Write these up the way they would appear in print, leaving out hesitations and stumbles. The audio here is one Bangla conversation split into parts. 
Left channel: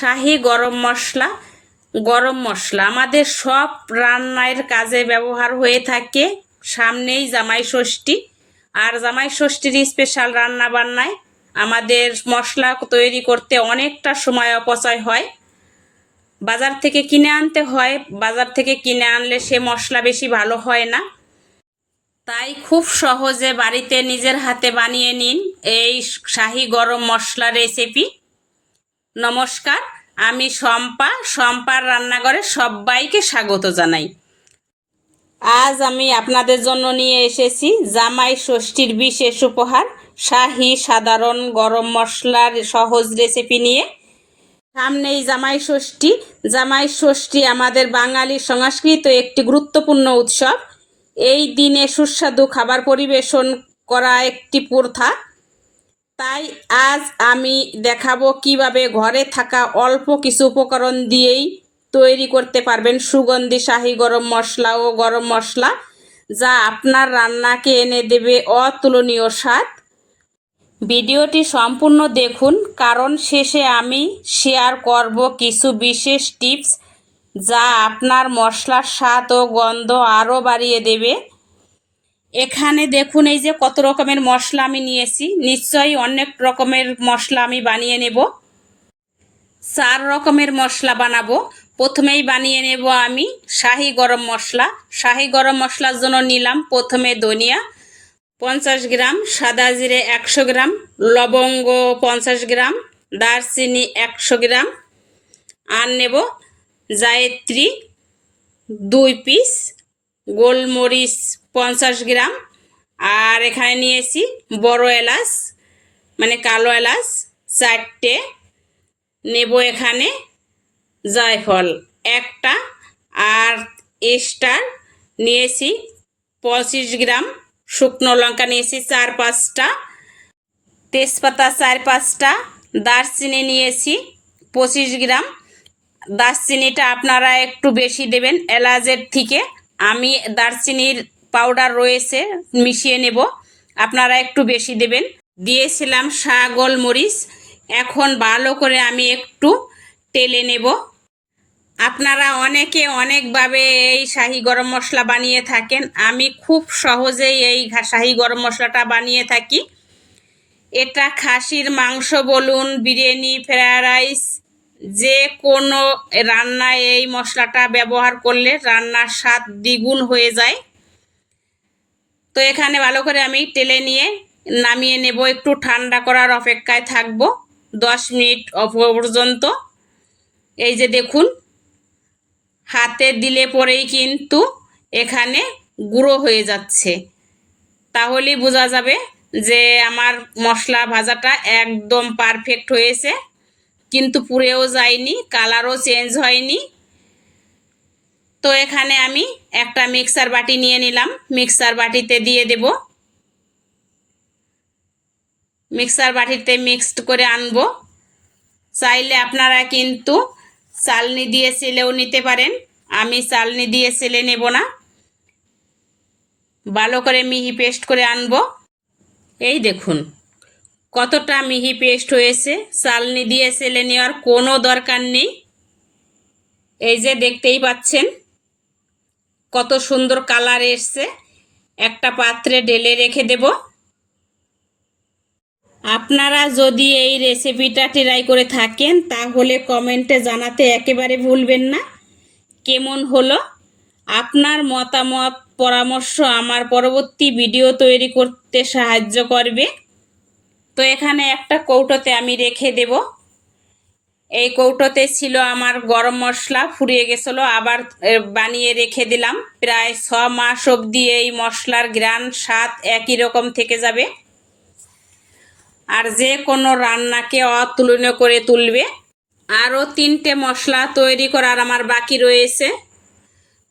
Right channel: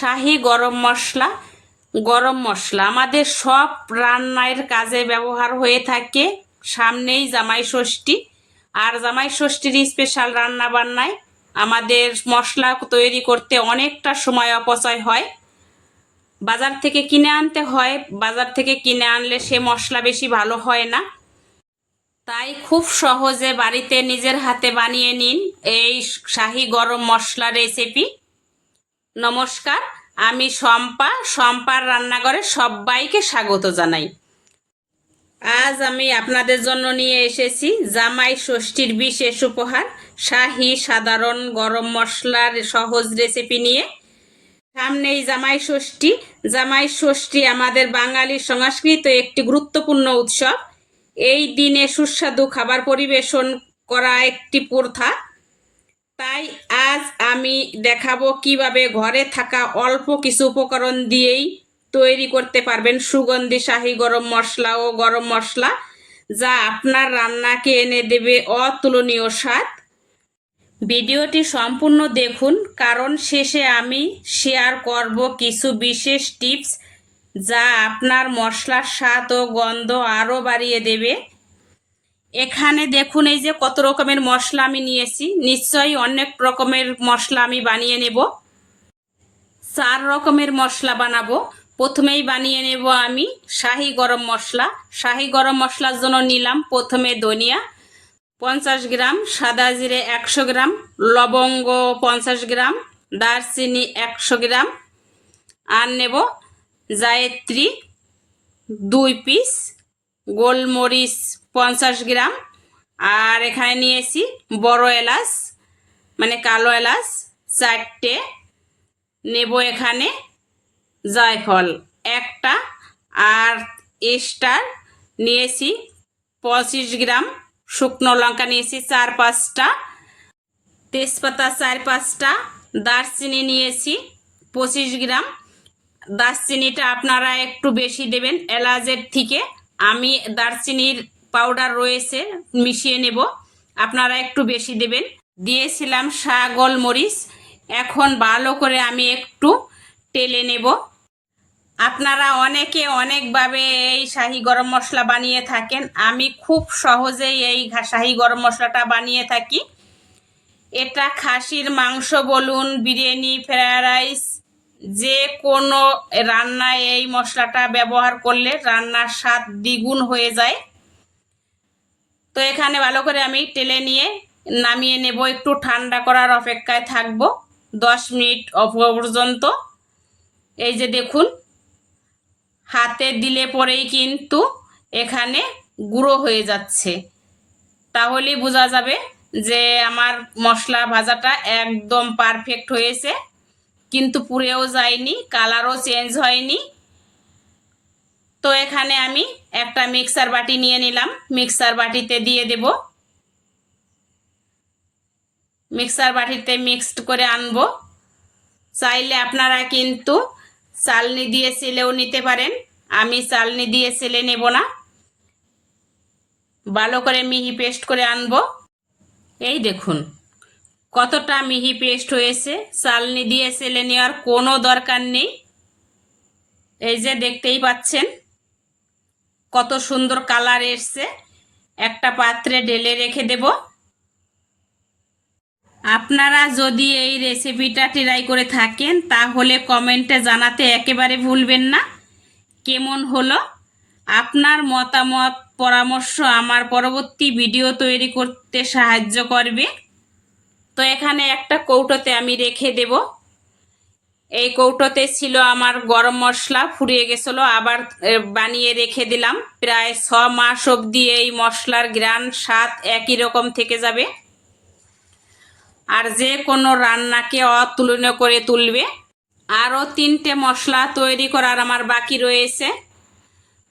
শাহি গরম মশলা আমাদের সব রান্নার কাজে ব্যবহার হয়ে থাকে। সামনেই জামাই ষষ্ঠী, আর জামাই ষষ্ঠীর স্পেশাল রান্না বান্নায় আমাদের মশলা তৈরি করতে অনেকটা সময় অপচয় হয়। বাজার থেকে কিনে আনতে হয়, বাজার থেকে কিনে আনলে সে মশলা বেশি ভালো হয় না। তাই খুব সহজে বাড়িতে নিজের হাতে বানিয়ে নিন এই শাহি গরম মশলা রেসিপি। নমস্কার, আমি শম্পার রান্নাঘরে সবাইকে স্বাগত জানাই। আজ আমি আপনাদের জন্য নিয়ে এসেছি জামাই ষষ্ঠীর বিশেষ উপহার শাহি সাধারণ গরম মশলার সহজ রেসিপি নিয়ে। সামনেই জামাই ষষ্ঠী আমাদের বাঙালি সংস্কৃত একটি গুরুত্বপূর্ণ উৎসব। এই দিনে সুস্বাদু খাবার পরিবেশন করা একটি প্রথা। তাই আজ আমি দেখাবো কিভাবে ঘরে থাকা অল্প কিছু উপকরণ দিয়েই তৈরি করতে পারবেন সুগন্ধি শাহি গরম মশলা, যা আপনার রান্নাকে এনে দেবে অতুলনীয় স্বাদ। ভিডিওটি সম্পূর্ণ দেখুন, কারণ শেষে আমি শেয়ার করব কিছু বিশেষ টিপস যা আপনার মশলার স্বাদ ও গন্ধ আরও বাড়িয়ে দেবে। এখানে দেখুন এই যে কত রকমের মশলা আমি নিয়েছি। নিশ্চয়ই অনেক রকমের মশলা আমি বানিয়ে নেব। 4 রকমের মশলা বানাবো। প্রথমেই বানিয়ে নেব আমি শাহি গরম মশলা। শাহি গরম মশলার জন্য নিলাম প্রথমে ধনিয়া 50 গ্রাম, সাদা জিরে 100 গ্রাম, লবঙ্গ 50 গ্রাম, দারচিনি 100 গ্রাম, আর নেব জায়ত্রী 2 পিস, গোলমরিচ 50 গ্রাম, আর এখানে নিয়েছি বড় এলাচ মানে কালো এলাচ 4টে, নেব এখানে জায়ফল 1টা, আর স্টার নিয়েছি 25 গ্রাম, শুকনো লঙ্কা নিয়েছি 4-5টা, তেজপাতা 4-5টা, দারচিনি নিয়েছি 25 গ্রাম। দারচিনিটা আপনারা একটু বেশি দেবেন এলাচের থেকে। আমি দারচিনির পাউডার রয়েছে মিশিয়ে নেব, আপনারা একটু বেশি দেবেন। দিয়েছিলাম গোলমরিচ। এখন ভালো করে আমি একটু টেলে নেব। আপনারা অনেকে অনেকভাবে এই শাহি গরম মশলা বানিয়ে থাকেন। আমি খুব সহজেই এই শাহি গরম মশলাটা বানিয়ে থাকি। এটা খাসির মাংস বলুন, বিরিয়ানি, ফ্রায়েড রাইস, যে কোনো রান্নায় এই মশলাটা ব্যবহার করলে রান্নার স্বাদ দ্বিগুণ হয়ে যায়। তো এখানে ভালো করে আমি টেলে নিয়ে নামিয়ে নেব। একটু ঠান্ডা করার অপেক্ষায় থাকবো 10 মিনিট পর্যন্ত। এই যে দেখুন, হাতে দিলে পরেই কিন্তু এখানে গুঁড়ো হয়ে যাচ্ছে। তাহলেই বোঝা যাবে যে আমার মশলা ভাজাটা একদম পারফেক্ট হয়েছে, কিন্তু পুড়েও যায়নি, কালারও চেঞ্জ হয়নি। তো এখানে আমি একটা মিক্সার বাটি নিয়ে নিলাম, মিক্সার বাটিতে দিয়ে দেব। মিক্সার বাটিতে মিক্সড করে আনব। চাইলে আপনারা কিন্তু চালনি দিয়ে চেলেও নিতে পারেন, আমি চালনি দিয়ে চেলে নেব না। ভালো করে মিহি পেস্ট করে আনব। এই দেখুন কতটা মিহি পেস্ট হয়েছে, চালনি দিয়ে চেলে নেওয়ার কোনো দরকার নেই। এই যে দেখতেই পাচ্ছেন কত সুন্দর কালার এসছে। একটা পাত্রে ঢেলে রেখে দেব। আপনারা যদি এই রেসিপিটা ট্রাই করে থাকেন তাহলে কমেন্টে জানাতে একেবারে ভুলবেন না কেমন হলো। আপনার মতামত পরামর্শ আমার পরবর্তী ভিডিও তৈরি করতে সাহায্য করবে। তো এখানে একটা কৌটোতে আমি রেখে দেব। এই কৌটোতে ছিল আমার গরম মশলা, ফুরিয়ে গেছিলো, আবার বানিয়ে রেখে দিলাম। প্রায় 6 মাস অবধি এই মশলার ঘ্রাণ স্বাদ একই রকম থেকে যাবে, আর যে কোনো রান্নাকে অতুলনীয় করে তুলবে। আরও 3টে মশলা তৈরি করার আমার বাকি রয়েছে।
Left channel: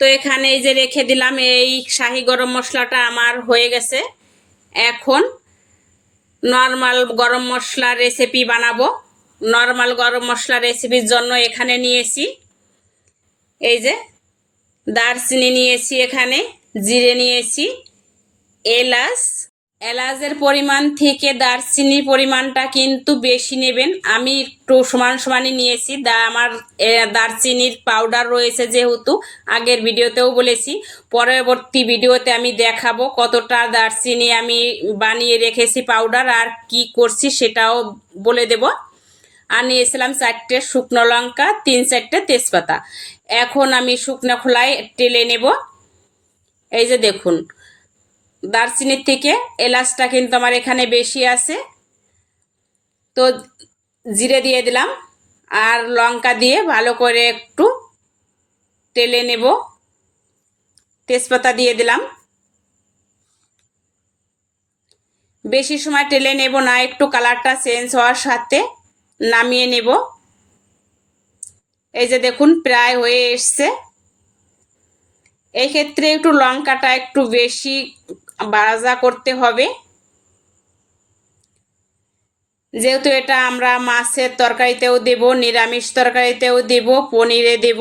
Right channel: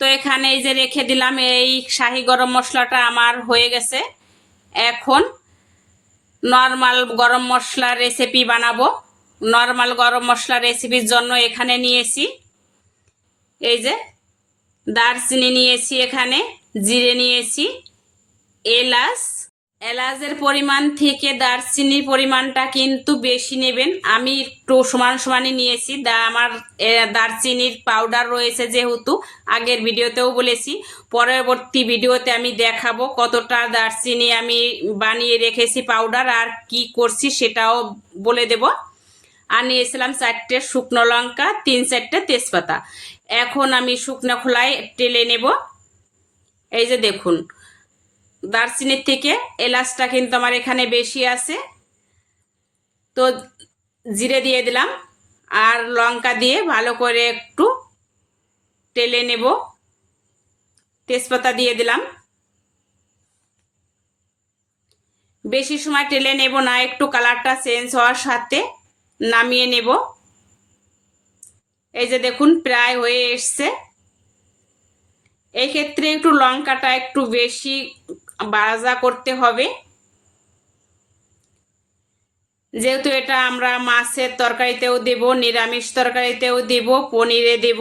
তো এখানে এই যে রেখে দিলাম, এই শাহি গরম মশলাটা আমার হয়ে গেছে। এখন নর্মাল গরম মশলা রেসিপি বানাবো। নর্মাল গরম মশলা রেসিপির জন্য এখানে নিয়েছি এই যে দারচিনি নিয়েছি, এখানে জিরে নিয়েছি, এলাচ, এলাচের পরিমাণ থেকে দারচিনির পরিমাণটা কিন্তু বেশি নেবেন। আমি একটু সমান সমানই নিয়েছি। আমার দারচিনির পাউডার রয়েছে, যেহেতু আগের ভিডিওতেও বলেছি, পরবর্তী ভিডিওতে আমি দেখাবো কতটা দারচিনি আমি বানিয়ে রেখেছি পাউডার, আর কি করছি সেটাও বলে দেব। আর নিয়েছিলাম 4টে শুকনো লঙ্কা, 3-4টে তেজপাতা। এখন আমি শুকনো খোলায় টেলে নেব। এই যে দেখুন, দারচিনির থেকে এলাচটা কিন্তু আমার এখানে বেশি আছে। তো জিরে দিয়ে দিলাম আর লঙ্কা দিয়ে ভালো করে একটু টেলে নেব। তেজপাতা দিয়ে দিলাম। বেশি সময় টেলে নেব না, একটু কালারটা চেঞ্জ হওয়ার সাথে নামিয়ে নেব। এই যে দেখুন প্রায় হয়ে এসছে। এই ক্ষেত্রে একটু লঙ্কাটা একটু বেশি ভাজা করতে হবে, যেহেতু এটা আমরা মাছের তরকারিতেও দেব, নিরামিষ তরকারিতেও দেব, পনিরে দেব।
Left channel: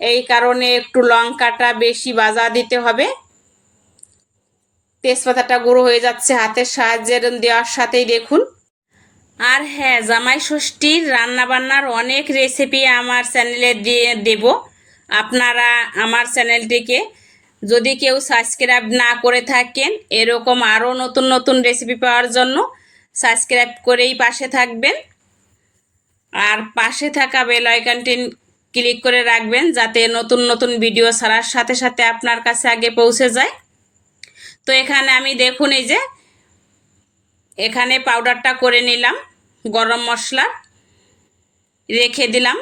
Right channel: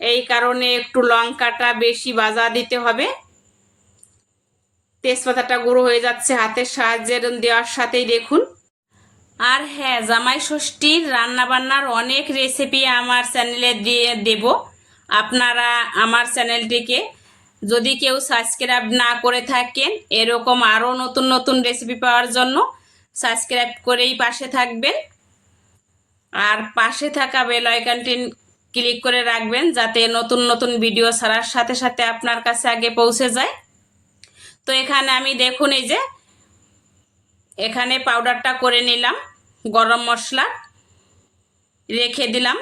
এই কারণে একটু লঙ্কাটা বেশি ভাজা দিতে হবে। তেজপাতাটা গুঁড়ো হয়ে যাচ্ছে হাতের সাহায্যে দেওয়ার সাথেই, দেখুন। আর হ্যাঁ, জামাই ষষ্ঠীর রান্নাবান্নার অনেক রেসিপি আমার চ্যানেলে দিয়ে দেব। আপনারা আমার চ্যানেলটিকে যদি কেউ সাবস্ক্রাইব না করে থাকেন, এরকম আরও নতুন নতুন রেসিপি পাওয়ার জন্য সাবস্ক্রাইব করেই পাশে থাকবেন। আর পাশে থাকা বেল আইকনটি ক্লিক করে রাখবেন, যাতে নতুন নতুন ভিডিও ছাড়ার সাথে সাথে আপনার কাছে আগে পৌঁছে যায়। তো এখানে আমি দেখুন, এই যে এখানে পাউডারটা করে নিলাম গরম মশলা, রেখে দিলাম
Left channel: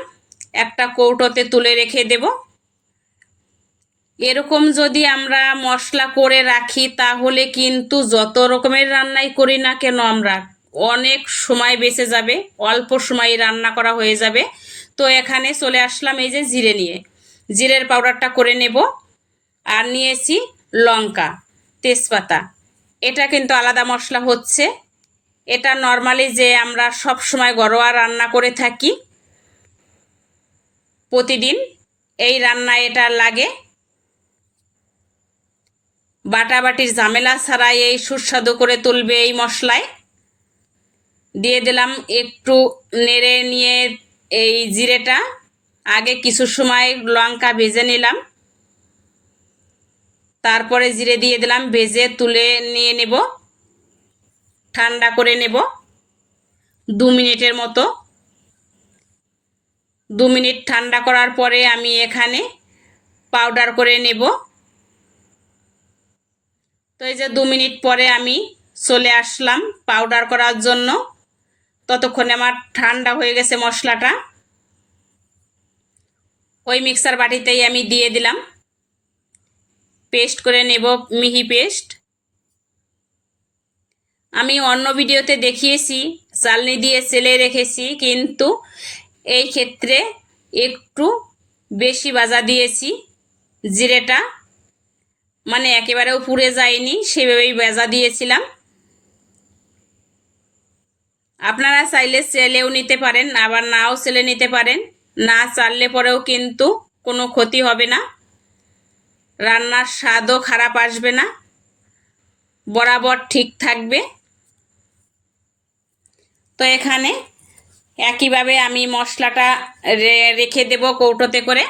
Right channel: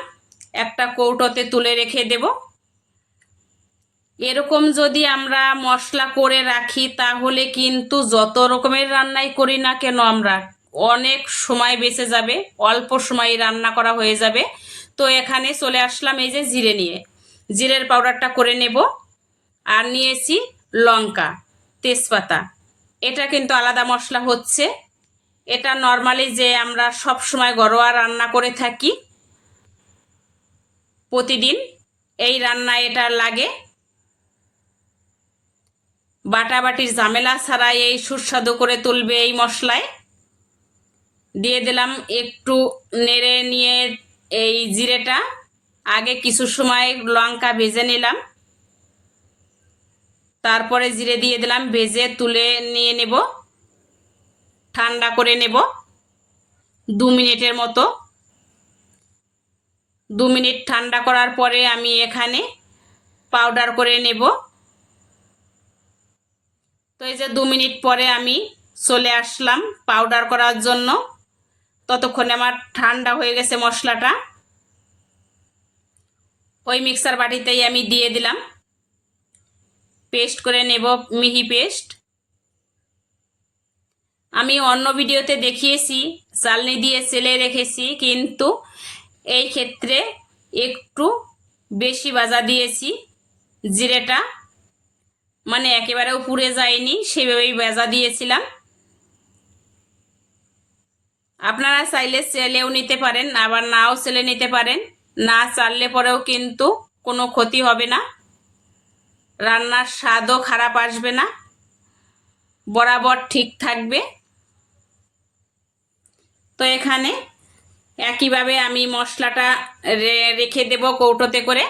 একটা কৌটোতে তুলে রেখে দেব। এরকম যদি আমরা মশলা করে রাখি, তাহলে কিন্তু যত রকমের রান্নাই করি না কেন আমরা, অনেক সময় বেঁচে যাবে, অল্প সময় রান্না করা হয়ে যাবে। তো এখানে চলে আসলাম এই যে জিরে নিয়ে, জিরের পাউডারটা করে নেব। আর নিয়েছি লঙ্কা, তেজপাতা। এটা কিন্তু আলাদা মশলা হচ্ছে। এটা নর্মালি যে আমরা সব সময় ঘরোয়া রান্না করে থাকি প্রতিদিন, এই রান্নায় এটা লাগে। বাটাবাটির ঝামেলা ছাড়াই এই সুস্বাদু করে তুলবে এই মশলায়। দিয়ে দিলাম একটু নেড়ে নিয়ে এই জিরেটা, আগে কিছু সময় লঙ্কা ভেজে নিলাম, তারপরে জিরে দিয়ে দিলাম, ভেজে তুলে নিয়ে নেব, ঠান্ডা করে নেব 2 মিনিটের মতো। 2 মিনিট ঠান্ডা করার পরে আমি এখানে পাউডার করে নেব। তো এই যে 2 মিনিট পরে আমি চলে আসলাম পাউডার করার জন্য। ততক্ষণে আমার ঠান্ডা হয়ে গেছে মশলাটা। ওই মিক্সার বাটিতেই আমি দিয়ে দিলাম, পেস্ট করে নেব, মিহি পেস্ট। আমি অন্য ভিডিওতে দেখিয়েছি চালনি দিয়ে চেলে রেখেছি, কিন্তু এই ক্ষেত্রে একটু বেশি ভাজা দিয়েছি। জিরেটা মানে একেবারেও পুড়ে যায়নি, সেভাবেই ভাজা দিয়েছিলাম। আপনারা চাইলে চেলেও নিতে পারেন, আবার নাও চেলে নিতে পারেন। না চাললে পরেও কিন্তু কোনো ক্ষতি হবে না, রান্নার স্বাদও খারাপ আসবে না, বরাবর ঠিক থাকবে। তো এখানে একইভাবে আমি মশলাটা রেখে দেব কৌটোতে করে।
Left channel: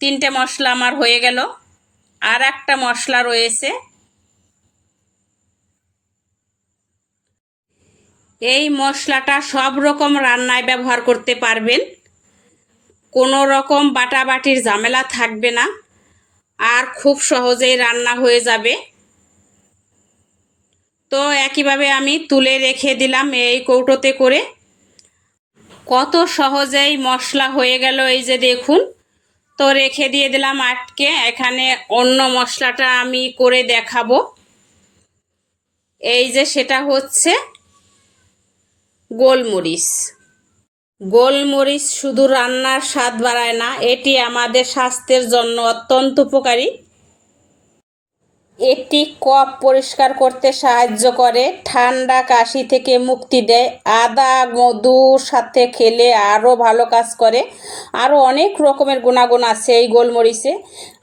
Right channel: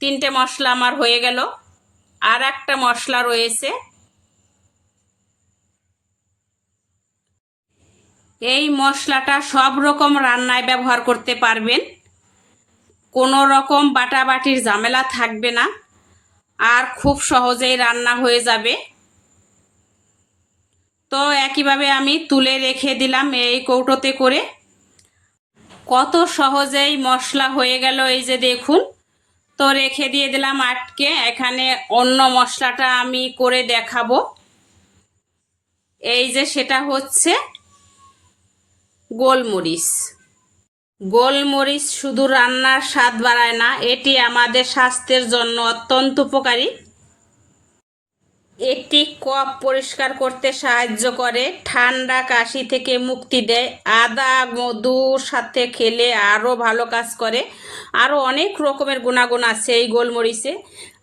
3টে মশলা আমার হয়ে গেল। আর একটা মশলা রয়েছে, এই মশলাটা সব রকম রান্নায় ব্যবহার করতে পারবেন, কোনো রকম বাটাবাটির ঝামেলা থাকবে না, আর খুব সহজেই রান্না হয়ে যাবে। তো একইভাবে আমি তুলে রেখে দিলাম এই কৌটোতে করে। কত সহজেই মশলা হয়ে গেল, এই যে দেখুন। তো রেখে দিয়ে দিলাম আটকে। এখানে অন্য মশলাটা আমি করে দেখাবো। এই যে সেটা হচ্ছে গোলমরিচ। গোলমরিচ শুধু রান্নার স্বাদ বাড়ায় না, এটি আমাদের স্বাস্থ্যের জন্য অত্যন্ত উপকারী। এটি কফ পরিষ্কার করতে সাহায্য করে, ঠান্ডা কাশি থেকে মুক্তি দেয়। আদা মধুর সাথে খেলে আরও ভালো কাজ করে। আরও অনেক রকমের গুণাগুণ আছে এই গোলমরিচে।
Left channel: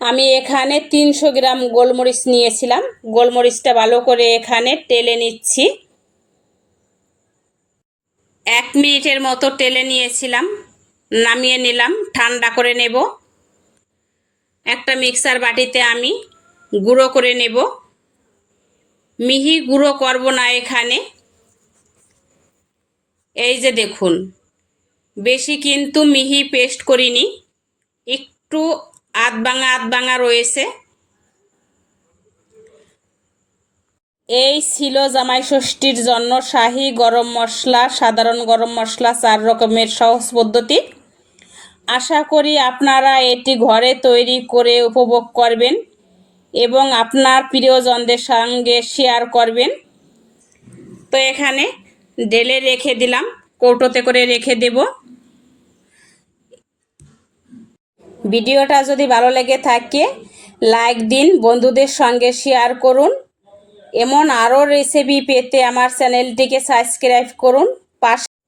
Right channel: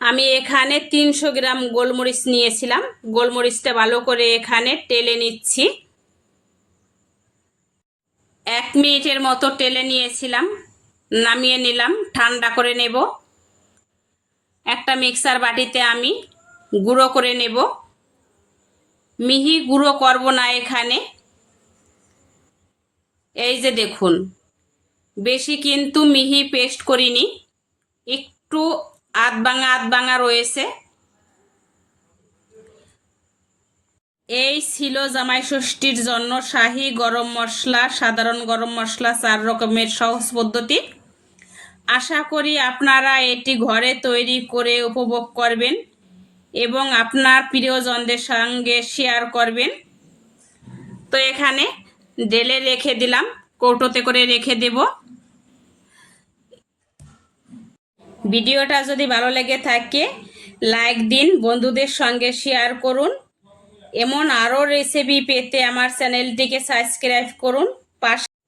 আমি এখানে 300 গ্রাম গোলমরিচ নিয়েছিলাম। গোলমরিচটা ভালো করে এখানে টেলে নিচ্ছি। 1 মিনিটের মতো টেলে নিয়েছিলাম, নামিয়ে নিলাম, ঠান্ডা করে নেব। একটা মিক্সার বাটিতে আমি গুঁড়ো করে নেব। মিহি গুঁড়ো করব না এখানে। এই যে দেখুন, বেশি কিন্তু মিহি পেস্ট করিনি, একটু আধ ভাঙা রয়েছে। এই ছিল জামাই ষষ্ঠীর জন্য শাহি গরম মশলা, সাধারণ গরম মশলা 4 রকমের সহজ পদ্ধতি। আশা করি আপনারা এটি ঘরে তৈরি করে উপভোগ করবেন এবং আপনার প্রিয়জনদের সঙ্গে শেয়ার করবেন। তো এখানে ঢেলে রেখে দিলাম, কৌটোতে করে রেখে দেব। ভিডিওটা যদি ভালো লেগে থাকে লাইক দিন, বন্ধুদের সঙ্গে শেয়ার করুন। এমন আরও রেসিপি পেতে আমার চ্যানেলটিকে সাবস্ক্রাইব করুন।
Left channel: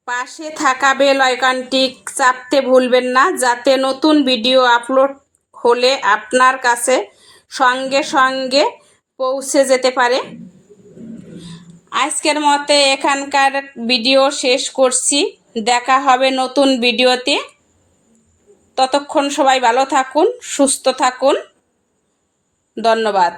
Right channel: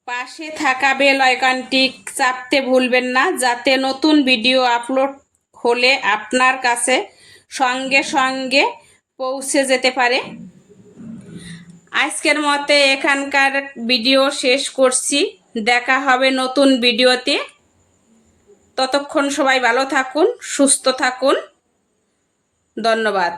পাশে থাকা বেল আইকনটি চাপতে ভুলবেন না, যাতে নতুন ভিডিও আপলোড হলে আপনার কাছে সঙ্গে সঙ্গে পৌঁছে যেতে পারে। আজকের মতো এখানকার ভিডিও শেষ করছি। দেখা হবে নতুন ভিডিওতে। ততক্ষণ সবাই ভালো থাকুন, সুস্থ থাকুন। ধন্যবাদ।